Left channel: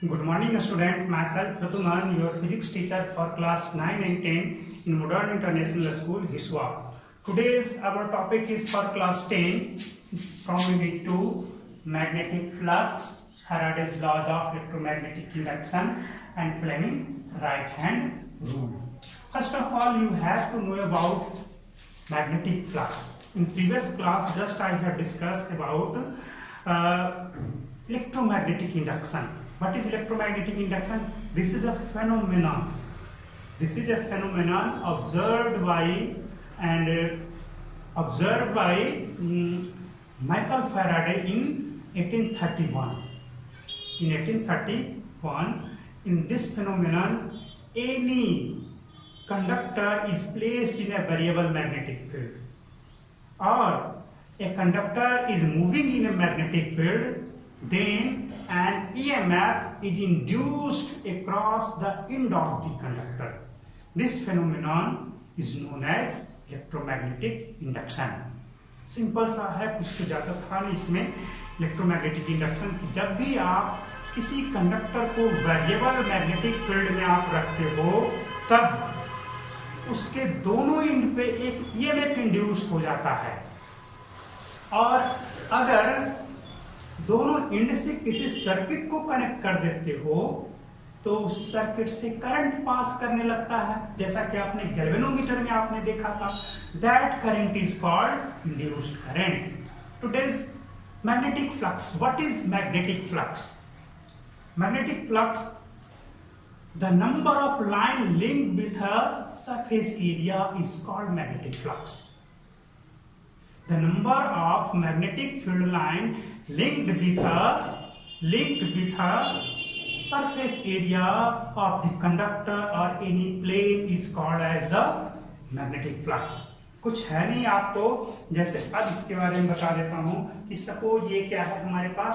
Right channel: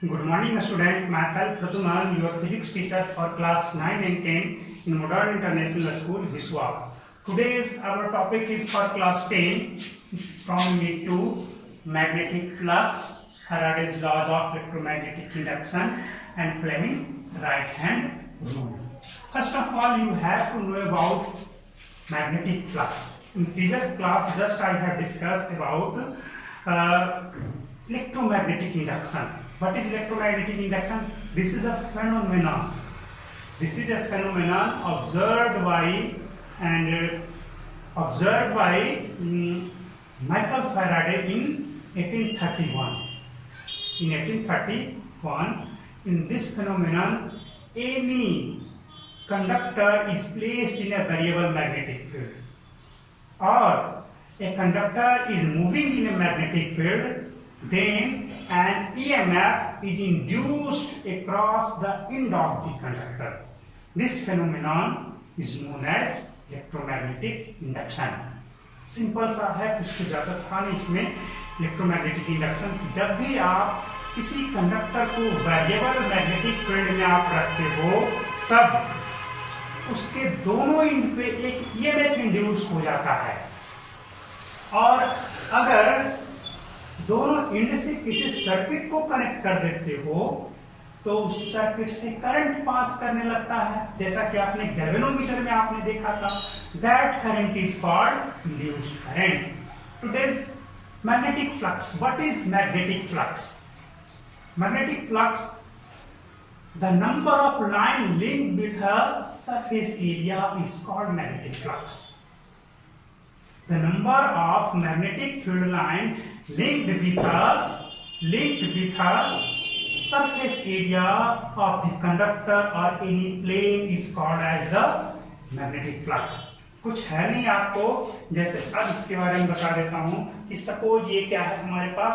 Good morning, student. Myself Pratuman, your physics teacher for class 9 and 10 in Modern International School, Hiswa. Today's our topic is for class 10 from unit 2, magnetic flux, Faraday's laws of electromagnetic induction and Fleming right hand rule. First of all, you have to know about magnetic flux. In previous class, just I have discussed about electromagnetic induction. What is electromagnetic induction? This is a phenomenon. This is a phenomenon observed by Michael Faraday in 1831. In 1831, in this phenomenon, any conductor is placed in a variable magnetic field, or a conductor is moving in a magnetic field, then an EMF is induced across the end of the conductor. This phenomenon is known as electromagnetic induction. Simple सा है, कुछ तो ज़्यादा था नहीं इसमें. Electromagnetic induction, जब भी आप किसी कंडक्टर को वेरिएबल मैग्नेटिक फील्ड में आप रखते हो, तब उसके दोनों एंड पे एक ईएमएफ इंड्यूस हो जाता है, और अगर दोनों एंड से किसी सर्किट को कनेक्ट कर देते हो तो उस सर्किट से करंट पास करने लगता है, जैसा कि आपने गैल्वेनोमीटर में आपने देखा था. That current is called induced current. Today's magnetic flux. What is magnetic flux? Magnetic flux, the number of line linked with a surface area is called magnetic flux. The number of magnetic field line linked with a surface area of the conductor or any plane is called as the magnetic flux. कुछ है नहीं आपको, जैसे अब इसके बारे में बता देता हूँ कि सपोज ये क्या है, हमारे पास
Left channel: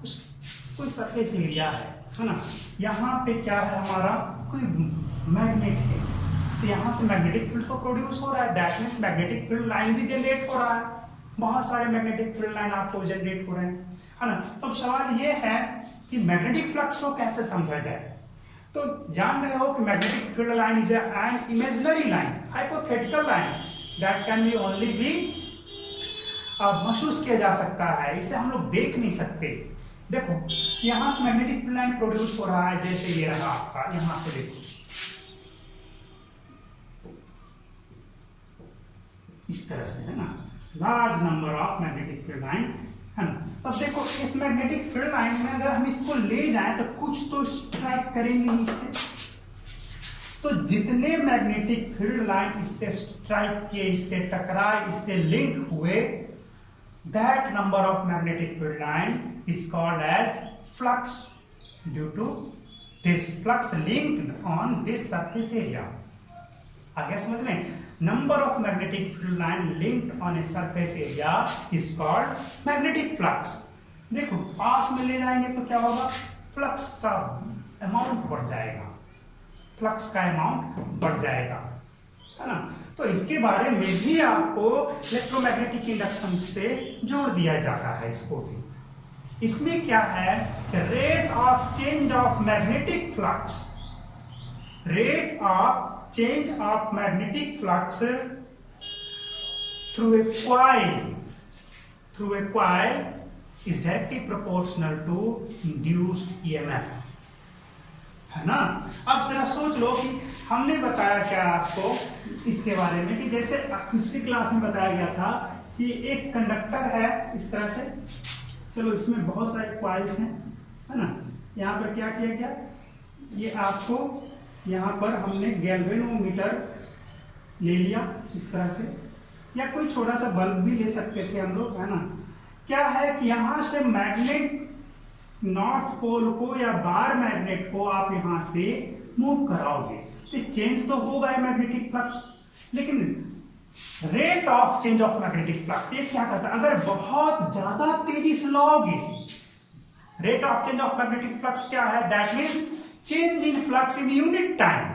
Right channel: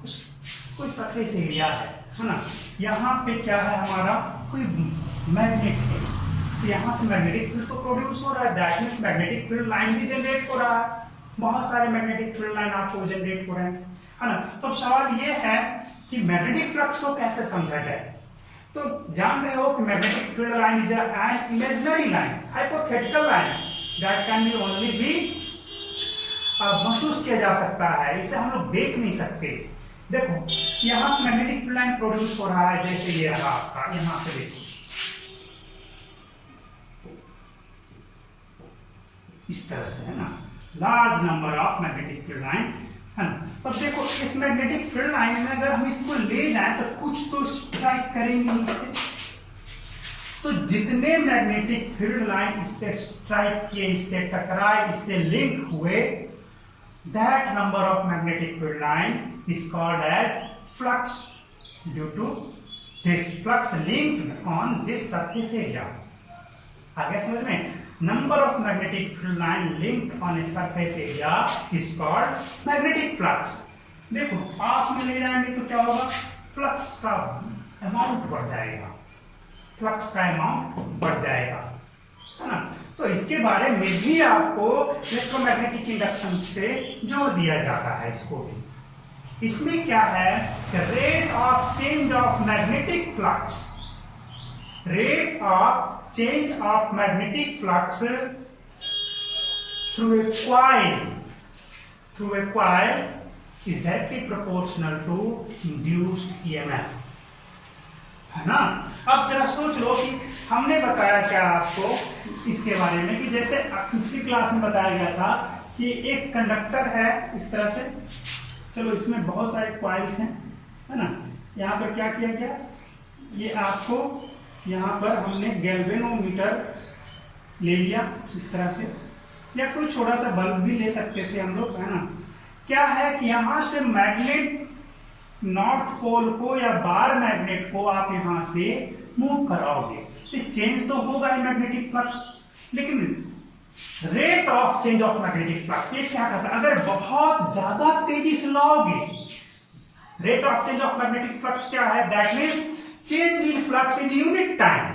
कोई सरफेस एरिया है ना. यहाँ पे क्या है, हमारा कोई मैग्नेट है, तो यहाँ से मैग्नेटिक फील्ड तो प्रोड्यूस हो रहा है. That means magnetic field line भी जनरेट हो रहा है. बहुत सारे मैग्नेटिक फील्ड लाइन आपको जनरेट हो रहे हैं, है ना. तो अब सवाल ये है कि मैग्नेटिक फ्लक्स को कैसे समझा जाए. तो जान रहे हो कि magnetic field line is an imaginary line, hypothetical line that can be only be महसूस किया जा सकता है, इसे हम लोग देख नहीं सकते. देखो यहाँ से मैग्नेटिक फील्ड लाइन प्रोड्यूस हो रहा है, जैसे ये रहा आपका, यहाँ से देखो इस तरह से, है ना. Large number of magnetic field line, है ना. अब देखो इस मैग्नेटिक फील्ड लाइन में अगर हम इसको ले जाएं तो कुछ तो स्ट्राइक करेंगे इससे. तो जितने मैग्नेटिक फील्ड लाइन इससे स्ट्राइक किए, इससे टकराए, इससे लिंक हुए, that number of magnetic field line is called as flux due to this flux linked on this surface area. आगे समझ में. Number of magnetic field line linked on a surface area is called magnetic flux. देखो पास में ले जाएंगे तो क्या होगा, फ्लक्स का अमाउंट बढ़ जाएगा, फ्लक्स का अमाउंट बढ़ जाएगा, है ना. तो इसके बारे में भी आपको इलेक्ट्रोमैग्नेटिक इंडक्शन से जोड़ दिया जाता है. इसको भी इसमें क्या है, rate of change of magnetic flux, rate of change of magnetic flux through a coil is directly proportional to induced EMF, है ना. अब जरा सोच लो कि हमने बताया क्या आपको इसके बारे में, कि जैसे पिछली क्लास में बताया गया था कि एक कंडक्टर है इस तरह से. चलो इसमें बहुत सारे कॉइल्स हैं, है ना. यहाँ पर क्या किया गया, ये आपको यहाँ पर हमने गैल्वेनोमीटर ले लिया इस तरह से, या कोई छोटा सा बल्ब भी ले सकते थे हम लोग, है ना. क्या है कि यहाँ से मैग्नेट नॉर्थ पोल को या बार मैग्नेट को आप यहाँ से मूव कराओगे तो चेंज तो होगा ही मैग्नेटिक फ्लक्स, लेकिन rate of change of magnetic flux ये क्या करता है, अगर बहुत ज्यादा तेजी से लाओगे, rate of change of magnetic flux क्या है, that means change in flux in unit time,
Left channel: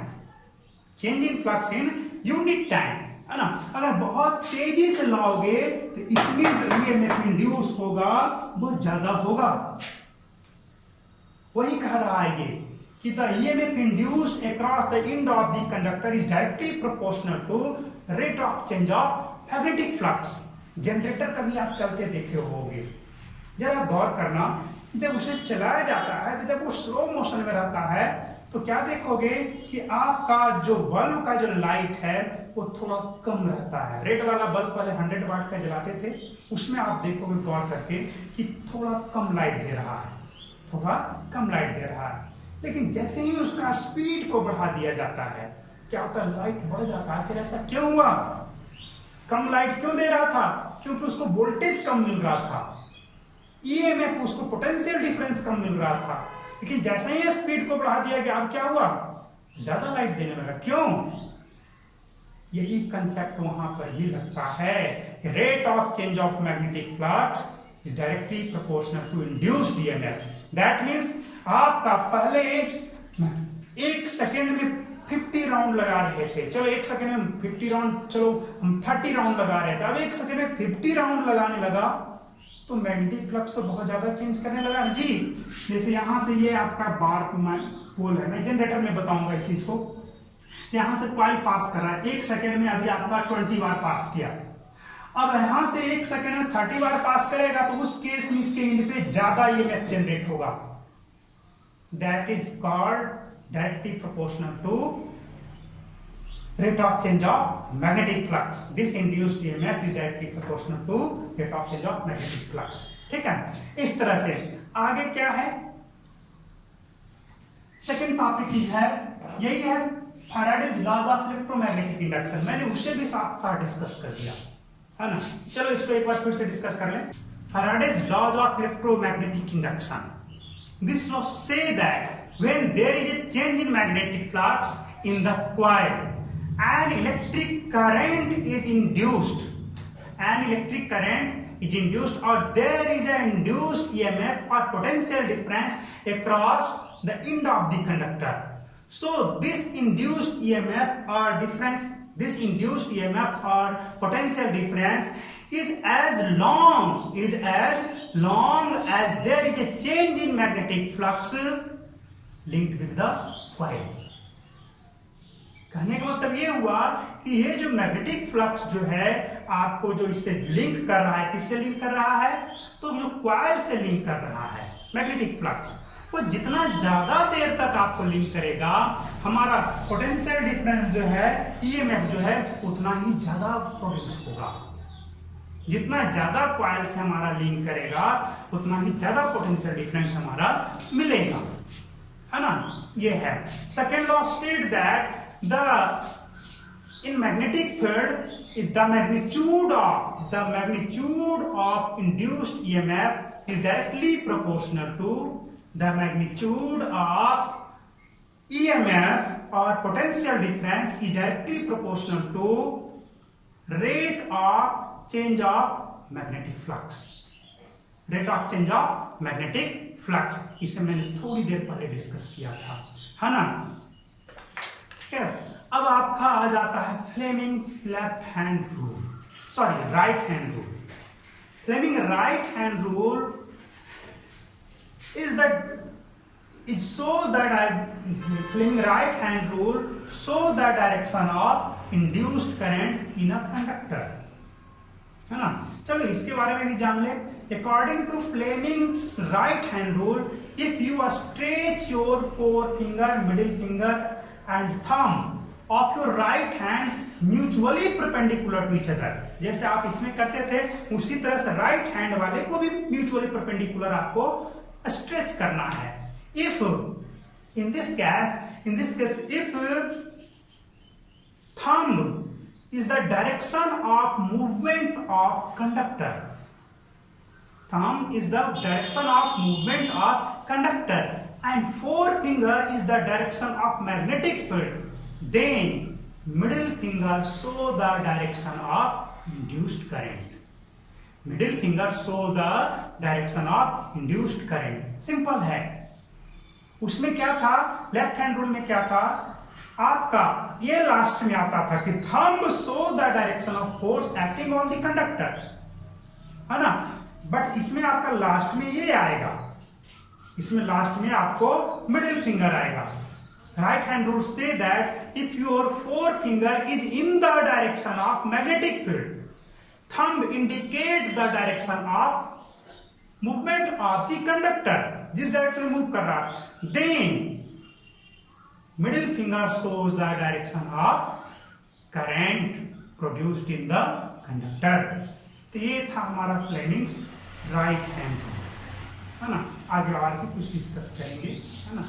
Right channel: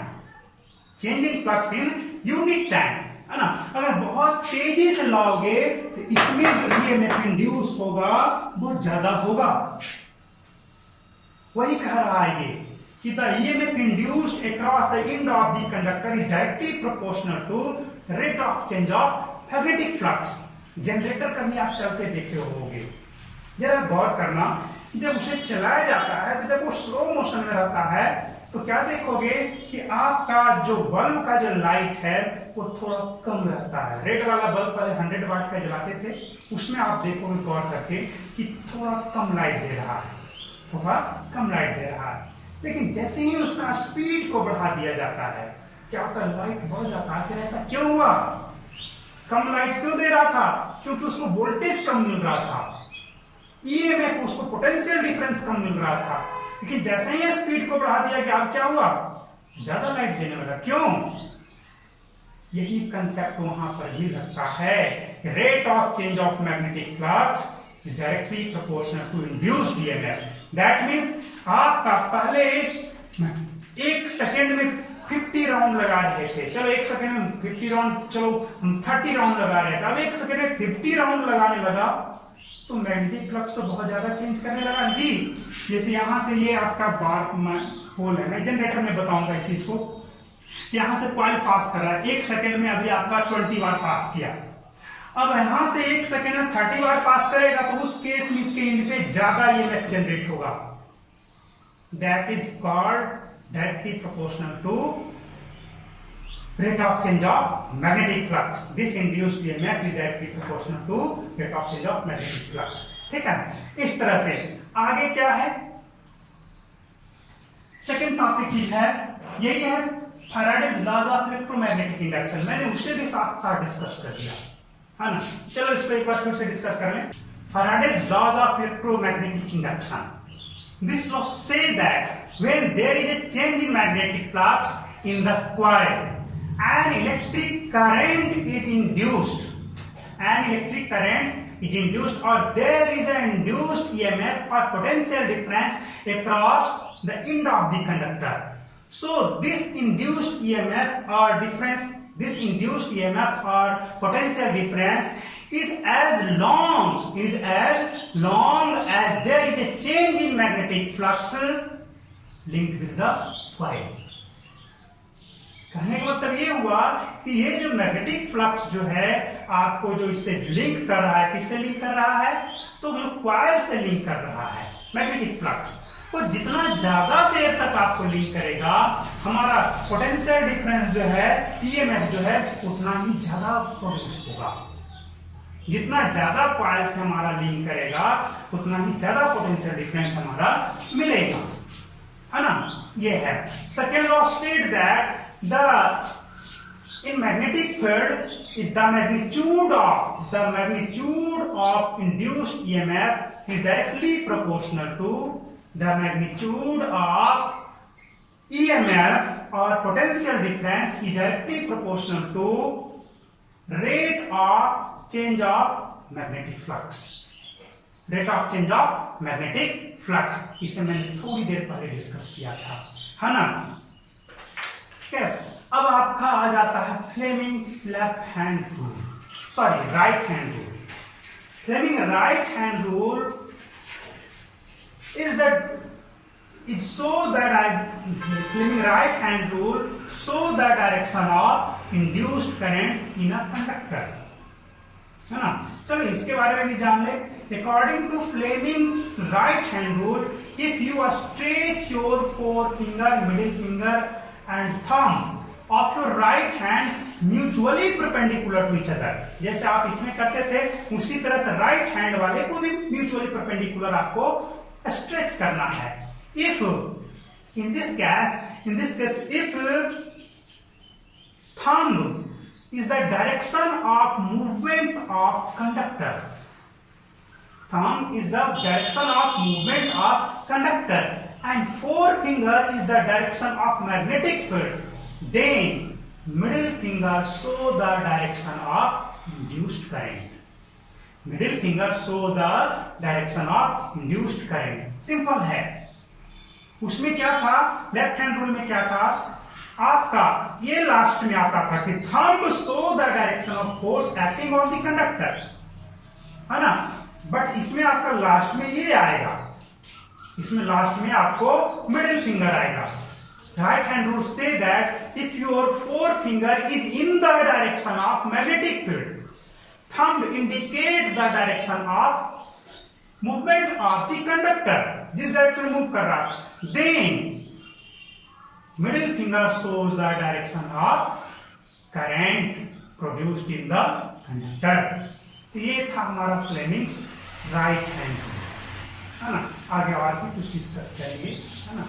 change in flux in unit time, है ना. अगर बहुत तेजी से लाओगे तो इसमें जो ईएमएफ इंड्यूस होगा वो ज्यादा होगा. वही कह रहा है ये कि the EMF induced across the end of the conductor is directly proportional to rate of change of magnetic flux. Generator कभी आप चलते देखे होंगे, जरा गौर करना, जब उसे चलाया जाता है तो जब वो स्लो मोशन में रहता है तो क्या देखोगे कि आपका जो बल्ब का जो लाइट है वो थोड़ा कम रहता है। रेड वाला बल्ब पहले 100 वाट का जलाते थे, उसमें आप देखोगे गौर करके कि थोड़ा कम लाइट दे रहा है, थोड़ा कम लाइट दे रहा है। लेकिन जैसे ही उसका स्पीड को बढ़ा दिया जाता है क्या होता है, लाइट बढ़ जाता है। फिर ऐसा क्यों हुआ, कम लाइट क्यों दे रहा था? क्योंकि उसको वोल्टेज कम मिल रहा था, ईएमएफ उसको पोटेंशियल डिफरेंस कम मिल रहा था। लेकिन जैसे ही स्पीड को बढ़ा दिया गया, अब क्या हुआ, ज्यादा लाइट देने लगा। क्यों? यही कंसेप्ट वहां पर भी लगता है, rate of change of magnetic flux is directly proportional to induced EMF. That means आपका पहले 1 सेकेंड में 50 राउंड लगा रहे थे, चलो 1 सेकेंड में 50 राउंड, चलो हम 30 राउंड लगा रहे थे, अब 1 सेकेंड में 50 राउंड लगाने लगा तो मैग्नेटिक फ्लक्स तो बहुत ज्यादा चेंज करने लगा जी। जैसे यहां से ये आपका बार पोल है, मैं जनरेटर में बताऊंगा इस चीज को। यहां से कॉइल पास कर रहा है 1 सेकेंड में, अभी आपका 20 बार पास किया। अब यहां से 1 सेकेंड में 30 बार पास करेगा तो उस केस में इसके एंड पे ज्यादा ईएमएफ जनरेट होगा। That is called directly proportional to rate of change of magnetic flux. This induced EMF is directly proportional to rate of change of magnetic flux. ठीक है, इस तरह से आगे क्या है, सेकेंड टॉपिक ही है, यही है Faraday's laws of electromagnetic induction. मैंने उससे भी साथ साथ डिस्कस कर दिया है ना, चलो इसको एक बार फिर से डिस्कस कर लें। Faraday's laws of electromagnetic induction, this law says that when there is a change in magnetic flux in the coil, an electric current is induced, or there is an induced EMF or potential difference across the end of the conductor. So this induced EMF or potential difference is as long as there is a change in magnetic flux linked with the coil. कहने का मतलब ये हुआ कि ये जो magnetic flux जो है आपको जो इससे लिंक कर रहा है, किससे लिंक कर रहा है, तो जो कॉइल से लिंक कर रहा है मैग्नेटिक फ्लक्स, वो जितना ज्यादा देर तक आपको लिंक करेगा, हमारा पोटेंशियल डिफरेंस जो है, ईएमएफ जो है, उतना ही ज्यादा प्रोड्यूस होगा। जितना ज्यादा कॉइल से हमारा लिंक करेगा उतना ही ज्यादा पोटेंशियल डिफरेंस हमारा मिलेगा, है ना। ये है second law state that in magnetic field the magnitude of induced EMF is directly proportional to the magnitude of EMF or potential difference is directly proportional to rate of change of magnetic flux. Rate of change of magnetic flux इसे मैंने थोड़ी देर पहले discuss किया था, है ना। अब आपका आ जाता है Fleming's left hand rule, sorry right hand rule. Fleming right hand rule is Fleming right hand rule show the direction of induced current in a conductor, है ना। चलो इसके बारे में भी जान ले। According to Fleming's right hand rule, if you stretch your forefinger, middle finger and thumb of your right hand mutually perpendicular to each other, जैसे आप इसमें करते थे उसी तरह से राइट हैंड वाले को भी म्यूचुअली परपेंडिकुलर आपको स्ट्रेच करना है। If in this case if thumb is the direction of movement of conductor, thumb is the direction of movement of conductor and forefinger is the direction of magnetic field, then middle finger show the direction of induced current. Middle finger show the direction of induced current. Simple है। उसमें क्या था, left hand rule में क्या था आपका, ये last में आता था कि thumb show the direction of force acting on the conductor, है ना। बट इसमें आपका लास्ट में ये आएगा, इसमें लास्ट में आपको मिडिल फिंगर आएगा। राइट हैंड रूल से that if your forefinger is in the direction of magnetic field, thumb indicate the direction of movement of the conductor, जिस डायरेक्शन में मूव कर रहा, then middle finger shows the direction of current produced in the conductor। तो ये था हमारा Fleming's right hand rule, है ना। आगे और भी कुछ डिस्कस करेंगे, है ना।